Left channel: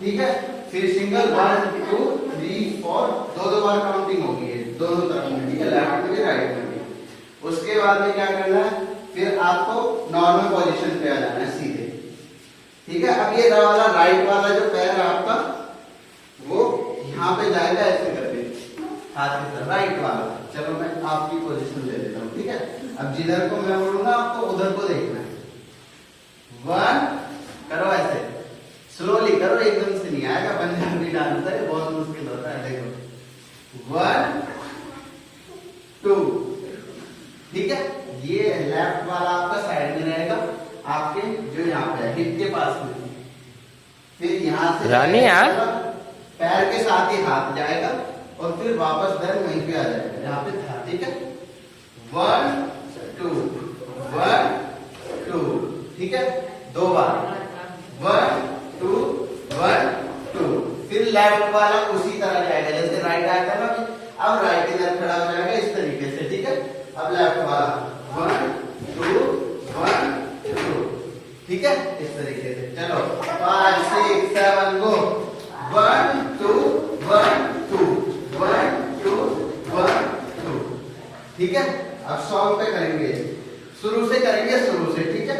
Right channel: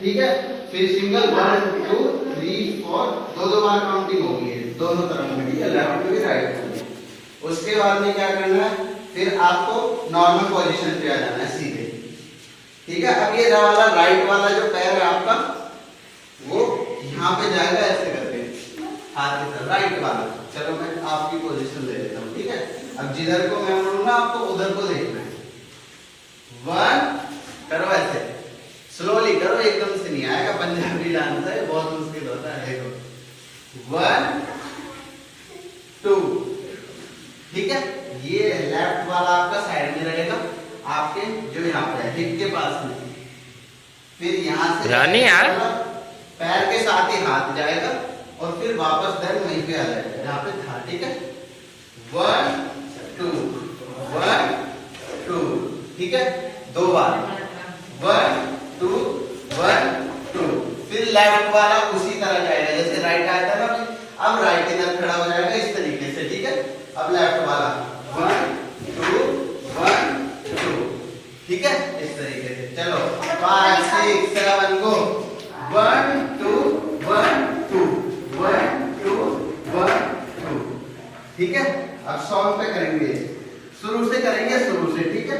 ठीक है। फिर सिंगल 1 2 3 4 दो बार काउंटिंग होगी दोनों तरफ में, ठीक है, लेफ्ट में राइट में। उसके बाद में क्या करना है, फिर आपको नॉर्मल पोजीशन पे आ जाना है सीधे, ठीक है। अब ये वाला राइट वाला जो पैर है आपका वो यहाँ पे जाएगा ऐसे करके हाथ की तरफ, राइट वाला। चलो मैं आपकी पोजीशन ले लेता हूँ, ठीक है। अब जिधर को मैं बोलूंगा आपको उधर को देखना है। 1 करो ऐसे, स्लोली करो, एकदम से नहीं आएगा, पंजाबी डांस है बहुत मुश्किल होता है। देखो 1 2, ठीक है। ये लेफ्ट वाला आपका साइड में रहेगा, आपके जो यहाँ पे हिप के पास में। फिर यहाँ से रानी यार पैर के साथ ही हाथ जाएगा और फिर वापस दर वहीं पे आ जाएगा जहाँ पे था, ठीक है। 1 2 1 2, ठीक है, दो बार 1 2 1 2। फिर लेफ्ट वाला उसी तरह जाएगा जैसे राइट आया था ना, अब राइट इधर खड़ा हो जाएगा इस तरीके से, ठीक है। अब लेफ्ट वाला 1 2 1 2, ठीक है, इस तरीके से। चलो 5 6 7 गो, 1 2 1 2 1 2 1 2, ठीक है। अब सॉन्ग पे करेंगे, शुरू से करेंगे, शुरू से, ठीक है।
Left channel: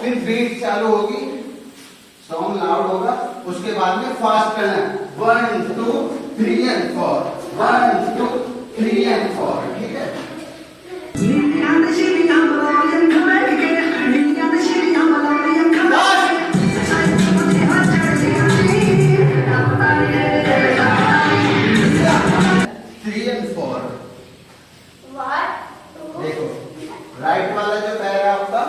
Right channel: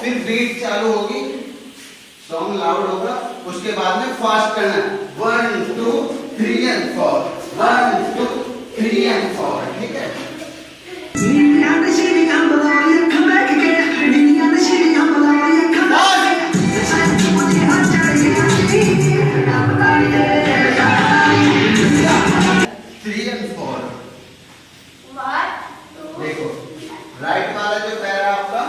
फिर बीट चालू होगी, सॉन्ग लाउड होगा, उसके बाद में फास्ट करना है। 1 2 3 and 4 1 2 3 and 4, ठीक है। देखो राइट वाला जो पैर है आपका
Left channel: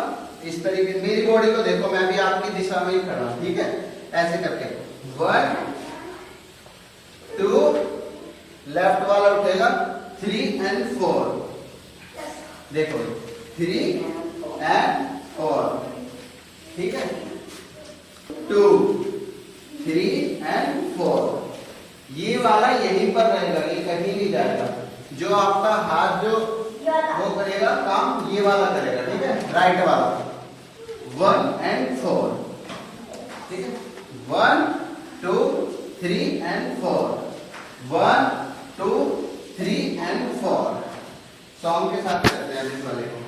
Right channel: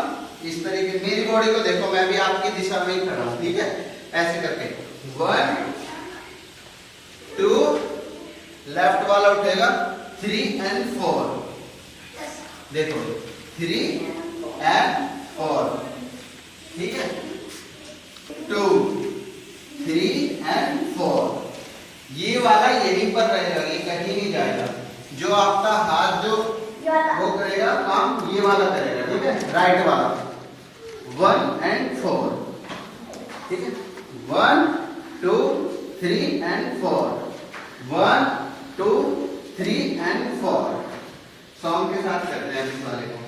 इस तरीके, मेरी बॉडी को देखो, मैं भी आपकी दिशा में ही खड़ा हूं, ठीक है। ऐसे करके 1 2, लेफ्ट वाला उठेगा 3 and 4, देखो 3 and 4, ठीक है। 2 3 and 4, ये वाला यहीं पर रहेगा, ये कहीं नहीं जाएगा। जो आपका हाथ जो वो करेगा काम, ये वाला करेगा, ठीक है, राइट वाला 1 and 4, ठीक है। 1 2 3 and 4 1 2 3 and 4, सॉन्ग के साथ करते हैं इस वाले को।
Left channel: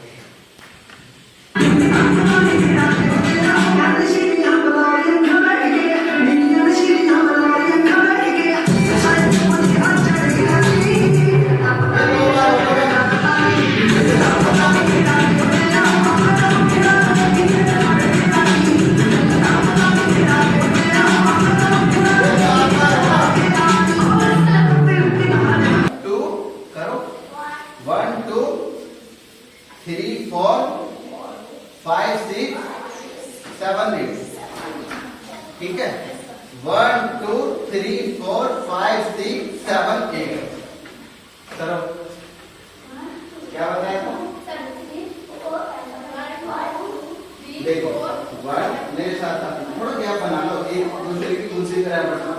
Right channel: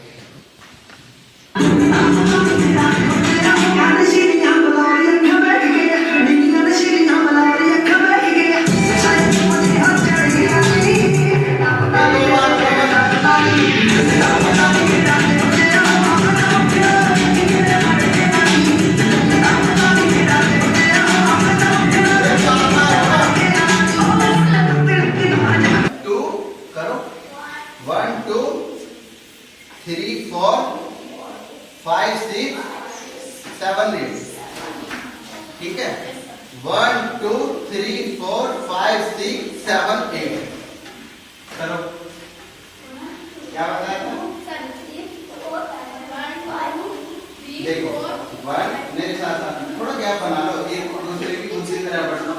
ठीक है, 1 2 3 4 5 6 7 8। चलो क्या बताया था, देखो 1, मेरे साथ साथ थोड़ा गैप बना लो, एक दूसरे की दूसरी तरह बैठना।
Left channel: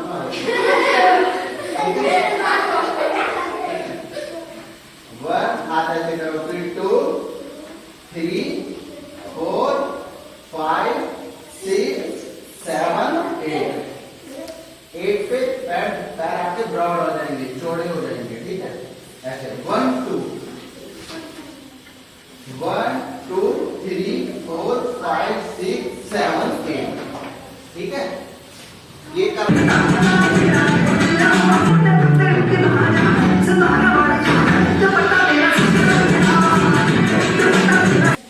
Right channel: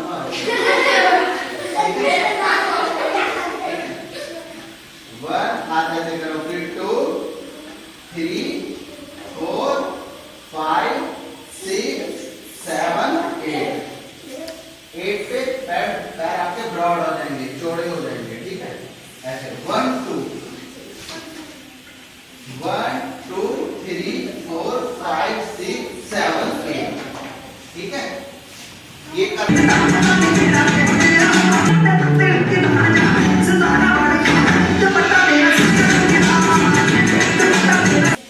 ब्रॉड हो जाएंगे, चौड़े हो जाएंगे, ठीक है। ऐसे 1 2 1 2 3 4 5 6 7 8, ठीक है। ये कर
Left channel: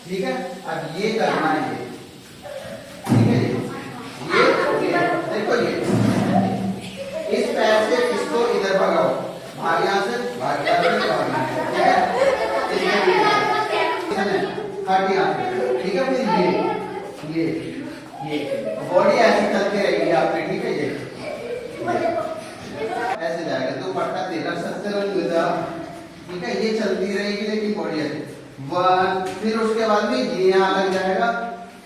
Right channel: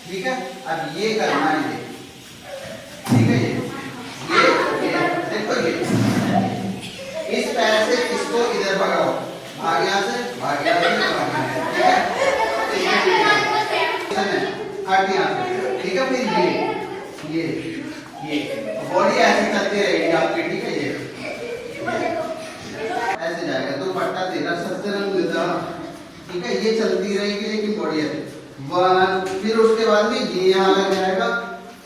ठीक है। अब ये करना है, ये ठीक है। ये देखो, ये इस पैर से इसको इधर भगाओ, भाग यहाँ से, भाग यहाँ से, भाग यहाँ से, ठीक है। हट यहाँ से, ठीक है। फिर ये बॉडी ऐसी चलती रहेगी आपकी, ठीक है। ये ऐसे जाएगा, दुपट्टा तेरा सतरंग दा, ठीक है। ये चलती रहेगी लेकिन बॉडी ऐसे 1, फिर उसके बाद में ये यहाँ लग जाएगा,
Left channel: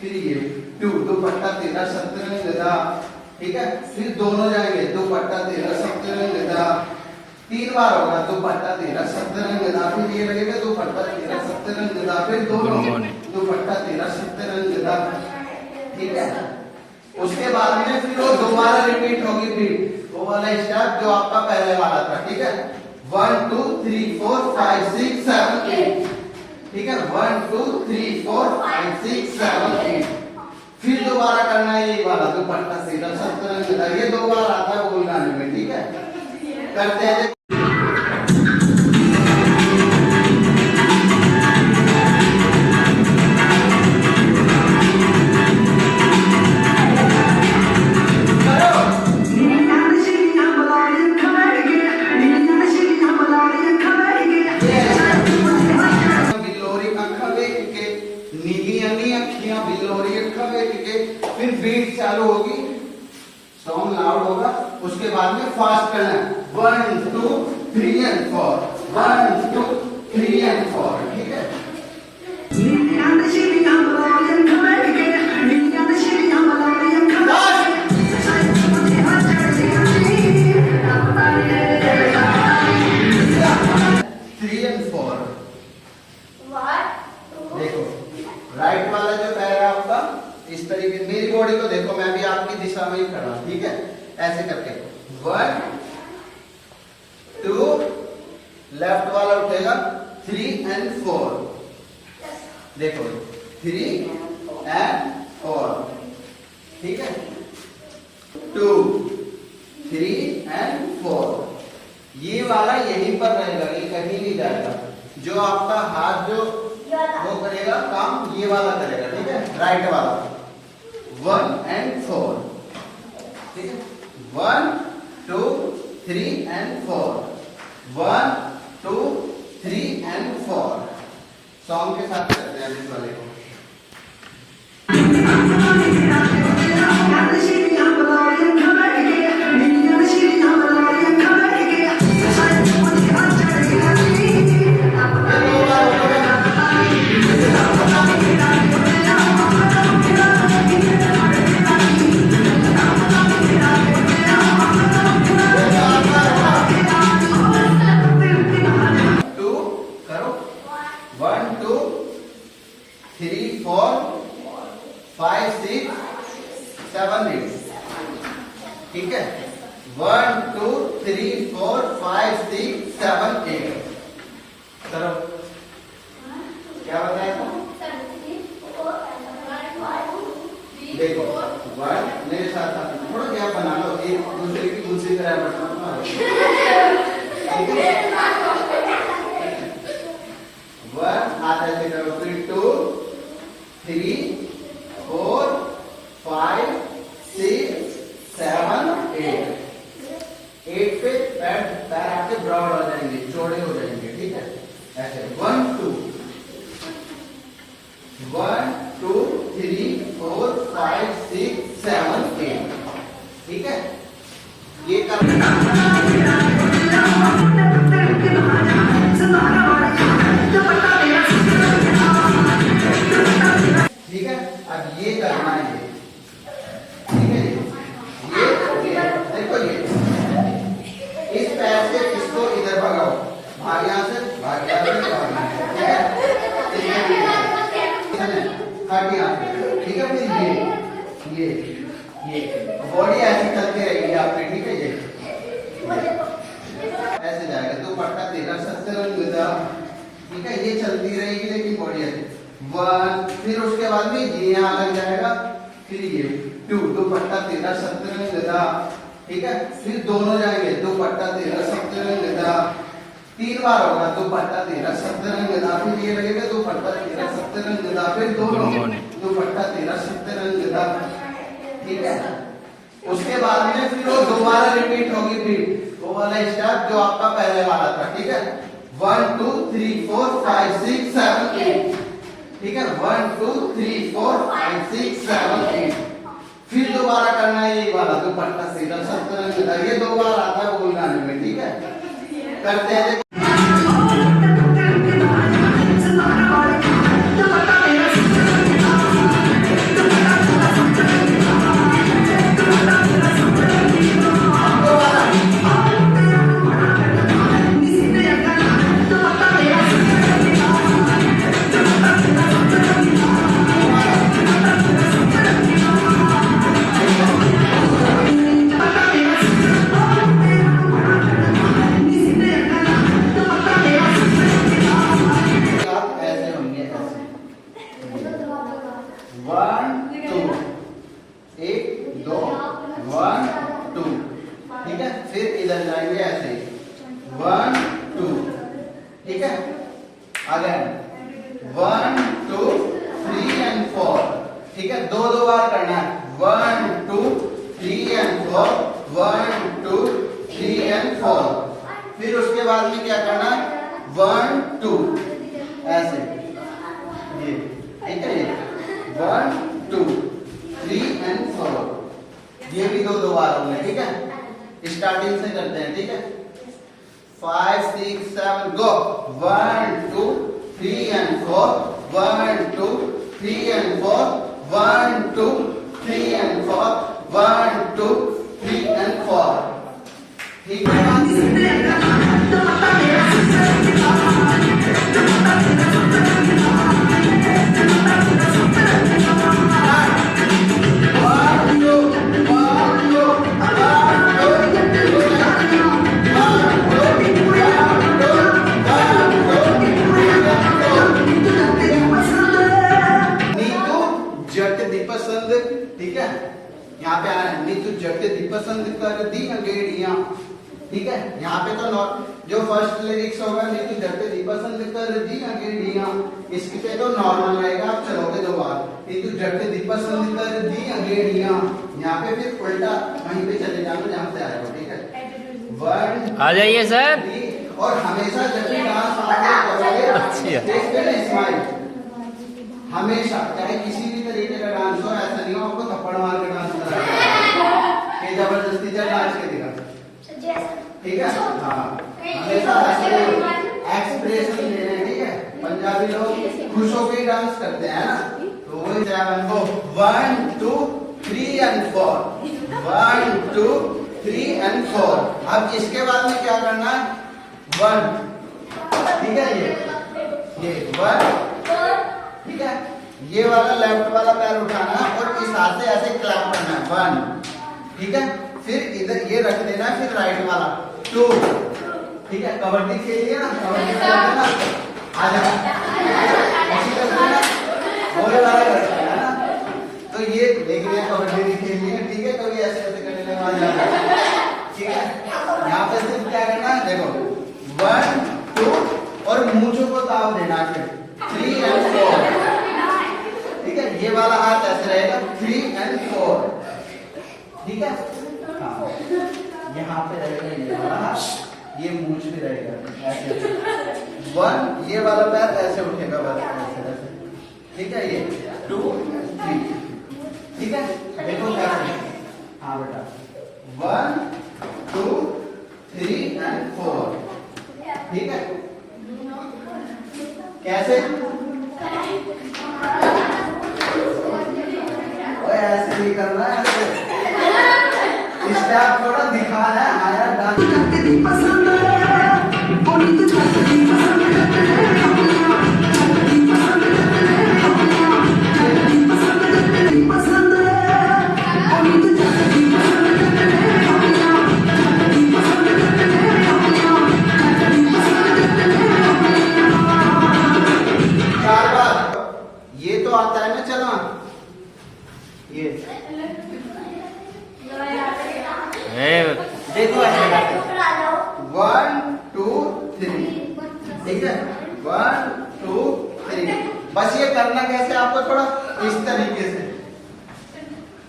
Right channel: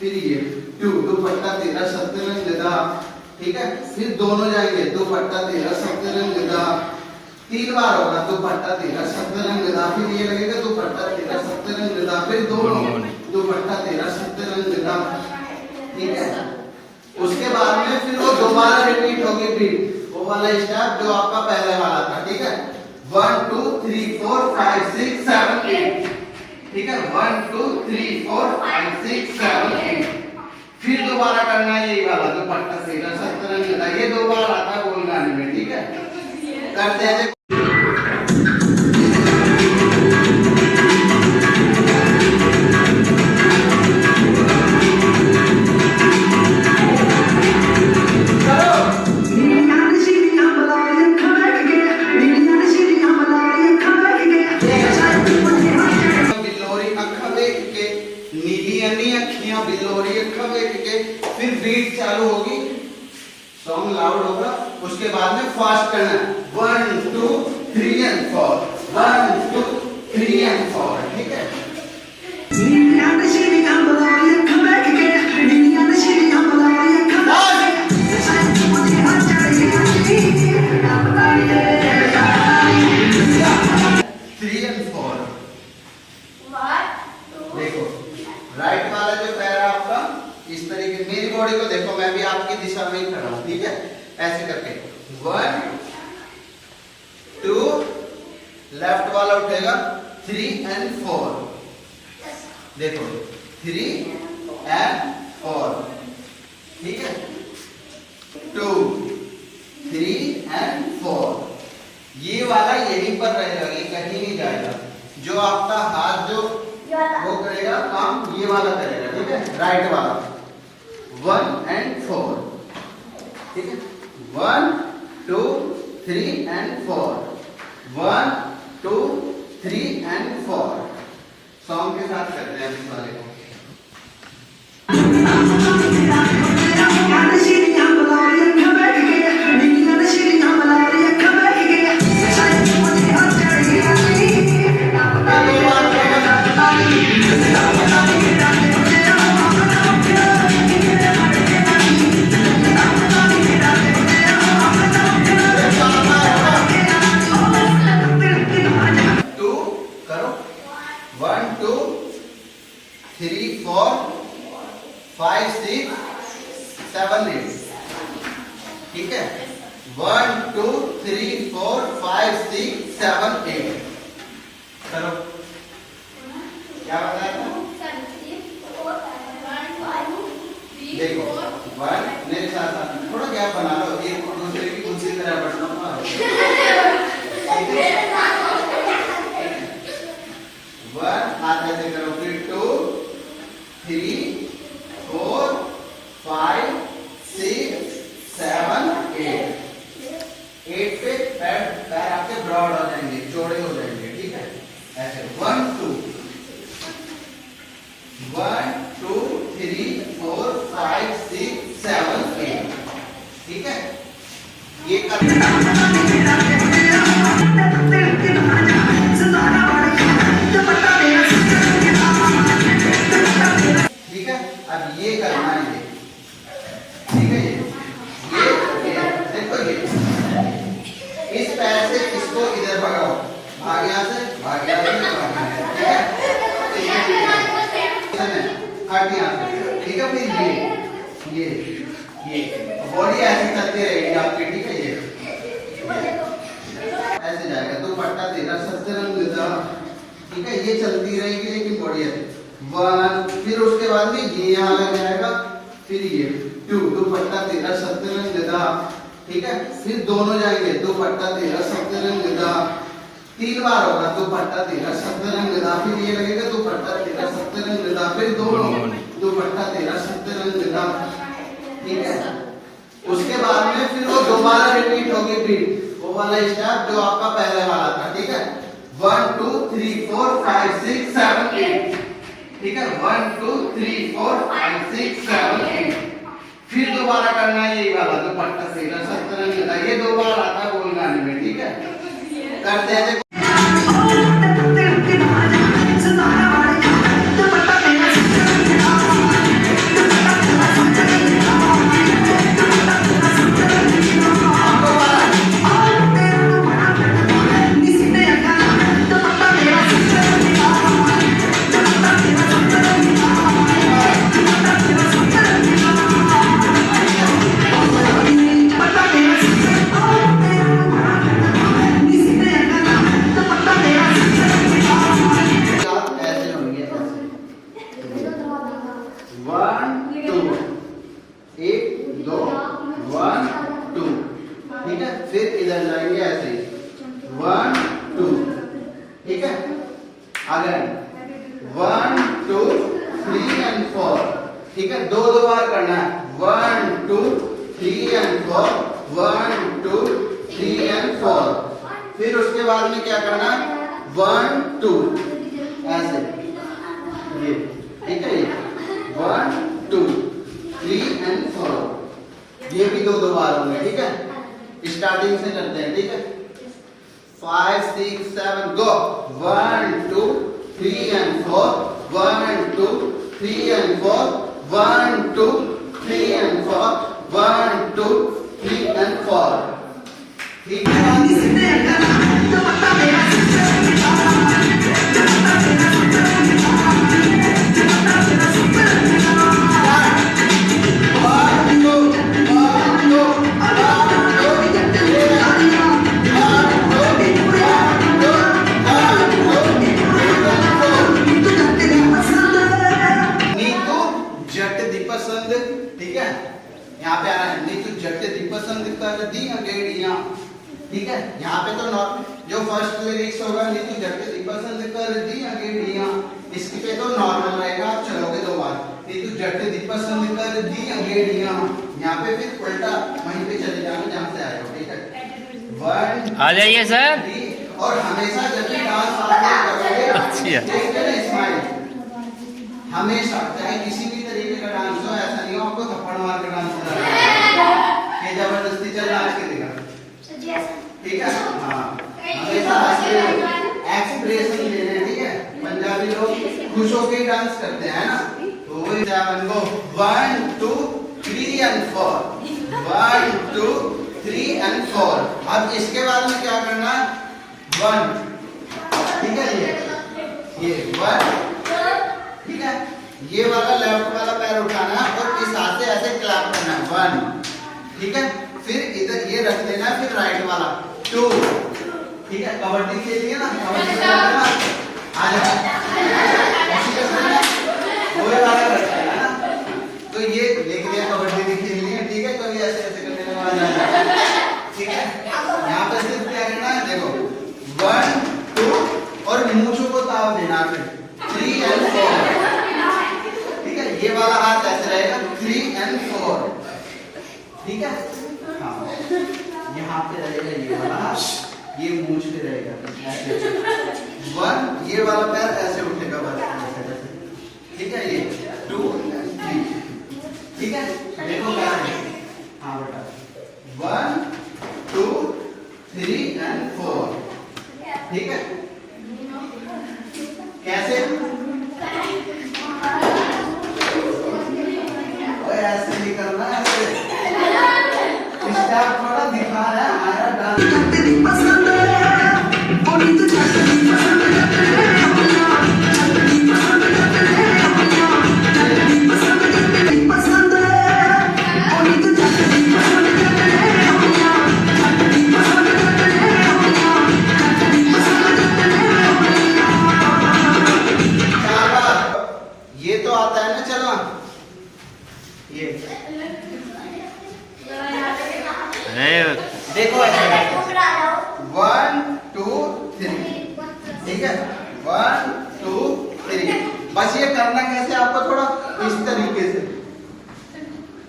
फिर ये 2, दुपट्टा तेरा सतरंग दा, ठीक है। फिर दोनों जाएंगे, दुपट्टा तेरा सतरंग दा, 3 बार होगा, दुपट्टा तेरा सतरंग दा, फिर ये लगेगा दुपट्टा तेरा सतरंग दा, फिर दोनों दुपट्टा तेरा सतरंग दा, ठीक है। उसके बाद में फिर वो दोबारा रिपीट होगी, बीट वो वाला स्टेप जो आपका पहले वाला था, ठीक है। 1 2 3 4 5 6 7 8, ठीक है। 1 2 3 4 5 6 7 8, फिर दोबारा करना है यही वाला, दुपट्टा तेरा सतरंग दा, ये 2 बार आता है बोल गाने में, ठीक है। करते हैं फिर बीट चालू होगी, सॉन्ग लाउड होगा, उसके बाद में फास्ट करना है 1 2 3 and 4, 1 2 3 and 4, ठीक है। देखो राइट वाला जो पैर है आपका इस तरीके, मेरी बॉडी को देखो, मैं भी आपकी दिशा में ही खड़ा हूं, ठीक है। ऐसे करके 1 2, लेफ्ट वाला उठेगा 3 and 4, देखो 3 and 4, ठीक है। 2 3 and 4, ये वाला यहीं पर रहेगा, ये कहीं नहीं जाएगा। जो आपका हाथ जो वो करेगा काम, ये वाला करेगा, ठीक है। राइट वाला 1 and 4, ठीक है। 1 2 3 and 4, 1 2 3 and 4, सॉन्ग के साथ करते हैं इस वाले को। ठीक है। 1 2 3 4 5 6 7 8, चलो क्या बताया था? देखो 1, मेरे साथ साथ थोड़ा गैप बना लो, एक दूसरे की दूसरी तरह बैठना। 1 हाथ ऐसे करो, फिर 2 3 4 5 6 7 8, 8 पे पैर आपके ब्रॉड हो जाएंगे, चौड़े हो जाएंगे, ठीक है। ऐसे 1 2 1 2 3 4 5 6 7 8, ठीक है। ये ठीक है। अब ये करना है, ये ठीक है। ये देखो, ये इस पैर से इसको इधर भगाओ, भाग यहाँ से, भाग यहाँ से, भाग यहाँ से, ठीक है। हट यहाँ से, ठीक है। फिर ये बॉडी ऐसी चलती रहेगी आपकी, ठीक है। ये ठीक है, ये चलती रहेगी लेकिन बॉडी ऐसे 1, फिर उसके बाद में ये यहाँ लग जाएगा, फिर ये 2, दुपट्टा तेरा सतरंग गदा, ठीक है, फिर दोनों जाएंगे, दुपट्टा तेरा सतरंग गदा, 3 बार होगा, दुपट्टा तेरा सतरंग गदा, फिर ये लगेगा दुपट्टा तेरा सतरंग गदा, फिर दोनों दुपट्टा तेरा सतरंग गदा, ठीक है। उसके बाद में फिर वो दोबारा रिपीट होगी, बीट वो वाला स्टेप जो आपका पहले वाला था, ठीक है। 1 2 3 4 5 6 7 8, ठीक है, 1 2 3 4 5 6 7 8, फिर दोबारा करना है यही वाला दुपट्टा तेरा सतरंग गदा, ये 2 बार आता है बोल गाने में, ठीक है। करते हैं ठीक है, 2 बार करना है, 1 2 3 and 4, 1 2 3 and 4, फिर उसके बाद में क्या करना है 1 2 ऐसे, ये ठीक है, ये 1 2 3 and 4, ये भी 2 बार होंगे, ठीक है। स्टार्टिंग से करते हैं, ठीक है। 5 6 7 गो, 1 2 3 and 4, 1 2 3 and 4, 1 2 3 and 4, 1 2 3 and 4, ठीक है। 'दी पसंद कर दी अंगेड़ियां', ठीक है। यहाँ पे तो जो फर्स्ट लिरिक्स होगा 'नी झट दी पसंद कर दी अंगेड़ियां', इसके पे तो नॉर्मल रहेगा, आप चलोगे 2 बार, 'नी झट दी पसंद कर दी अंगेड़ियां', यहाँ पे फिर उल्टा वहीं पे चले जाओगे जहाँ से आए हो, ठीक है। 1 आ जाइए सर। और हमेशा जब भी डांस आप करोगे देखते ना स्माइल, हमेशा चाहे किसी भी तरीके का डांस हो, ऐसा नहीं हो आपको थप्पड़ मार के डांस करना है, जबरदस्ती चल डांस के दिखा, ठीक है। हाँ, हमेशा एक्सप्रेशन देने, ठीक है। पंजाबी लोग खुश होकर डांस करते हैं ना, तो वही 7 को 1 2 3 and 4, 1 2 3 and 4। अब इसके बाद में क्या करना है 1, ठीक है, ये 1, ठीक है। ये वाला लेफ्ट वाला पैर उठाना और इस हाथ से ऐसे क्लैप करना है 1, ठीक है। फिर इधर ये रख देना है, फिर राइट वाला 2, ठीक है। कबड्डी खेलिए ना, कबड्डी खेलते ना, आ जाओ ऐसे करते हैं, वही वाला करते हैं ना, तो ये देखिए कबड्डी भी खेलनी है, ठीक है। तो ये ऐसे ऐसे करने में आ जाएगा, ठीक है। यहाँ पे सिर्फ क्या करना है, देखो 1 2 और मूंछों को ताव देना है, फिर 3 and 4, ठीक है। ये वाला हाथ ऐसे रहेगा 3 and 4, ठीक है। हाँ, यहाँ पे रहेगा ये वाला हाथ, ये मूंछ पे रहेगा ऐसे 1, ये वाला पैर ऐसे उठेगा बस ऐसे, ठीक है। ये 2 3, ठीक है। देखो कैसे, हाँ बेटा 1 2 3 and 4, ठीक है। कैसे ऐसे नहीं करना है, स्टेप थोड़ा दिखा रहा है, आया डांस देखो ऐसे 1 2 3, ठीक है 1 2 3। बस ये करना कैसे आपको थोड़ा इस तरीके से,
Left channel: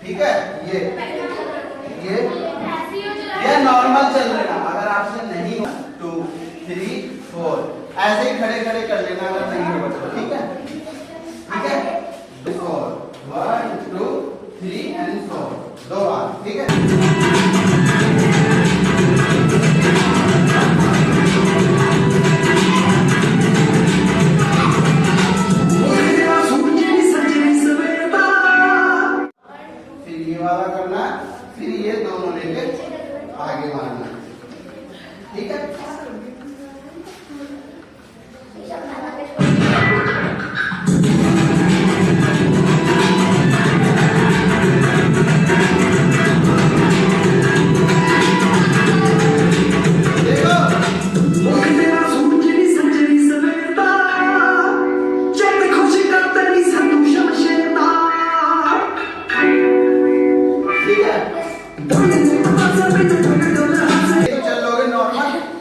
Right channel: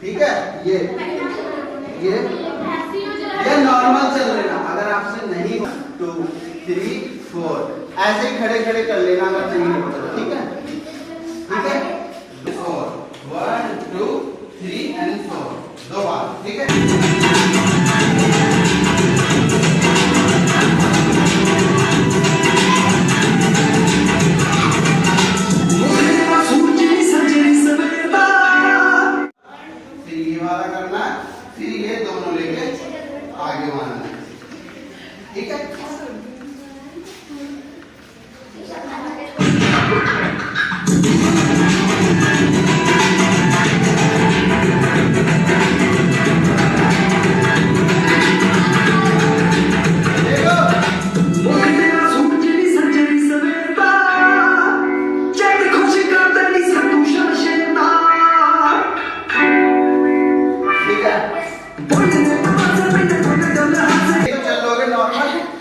ठीक है। ये नॉर्मल चल लेना, अगर आपसे नहीं हो 2 3 4 ऐसे ही खड़े खड़े कर लेना, अगर नहीं हो तो ठीक है, ठीक है 4 1 2 3 एंड 4 दो बार, ठीक है। वाला करना, फिर ये दोनों लेके आगे मारना, ठीक है।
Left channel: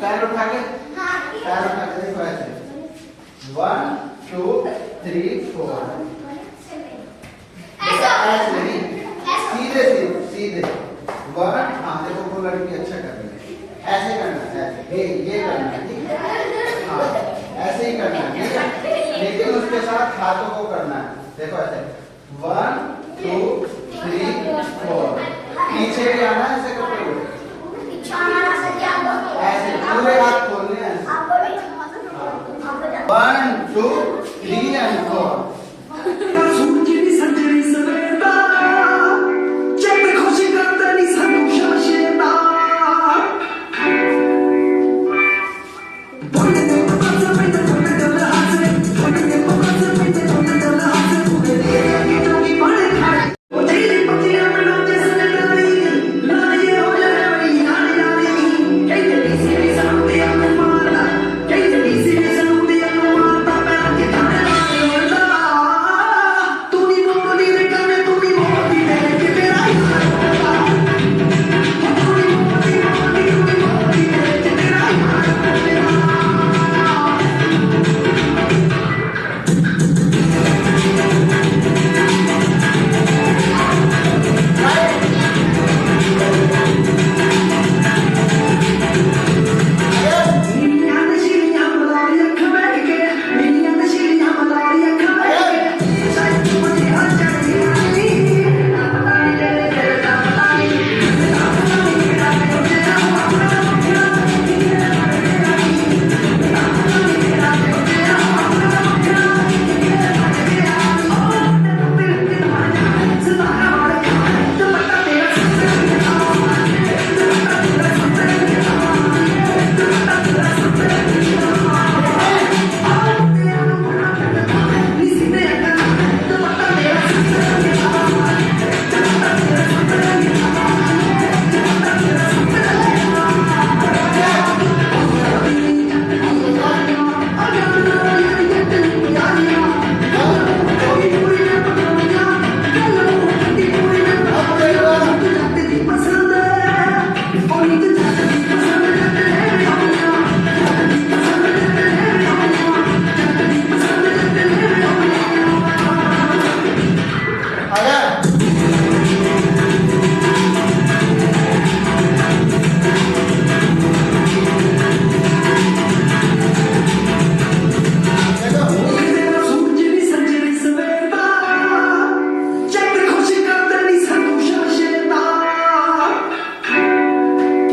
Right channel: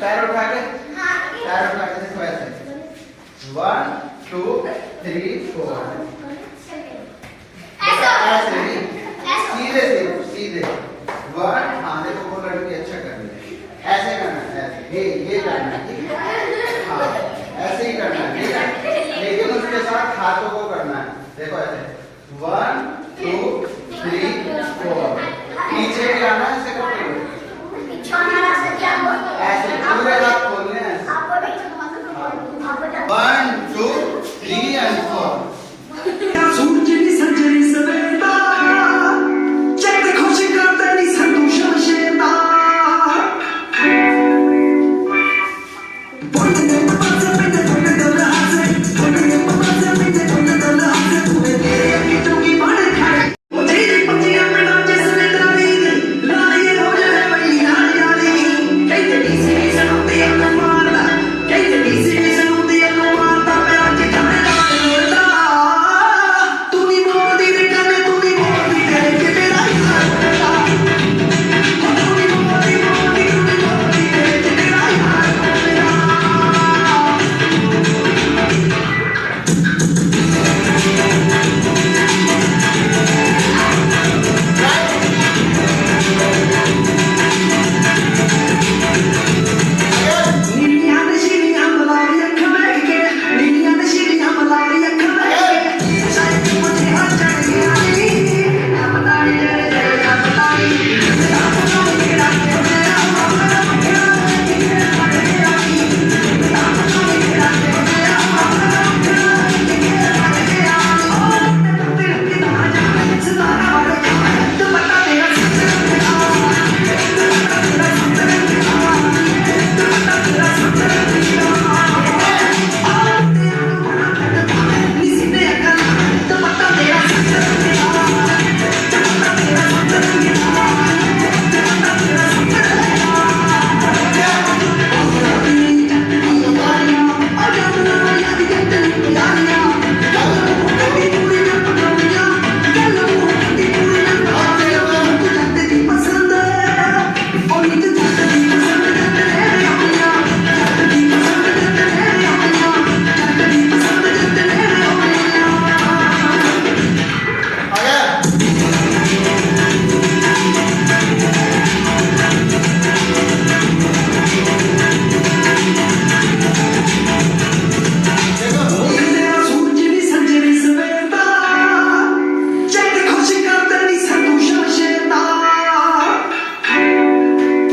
पैर उठा के देखो ऐसे 1 2 3 4 ऐसे सीधे सीधे 1। हाँ देखो वो लड़की अच्छा कर रही है, ऐसे करना है, ऐसे ये करना है, ठीक है। हाँ ऐसे ही करना है, ठीक है। लेकिन उसके साथ हाथों को करना है, देखो ऐसे 1 2 3 4। पीछे भी आना है, ऐसे कपड़े ऐसे पूरे हाथ खोलने हैं, 1 2 3 एंड 4।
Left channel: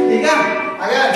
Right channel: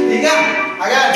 ठीक है। अगर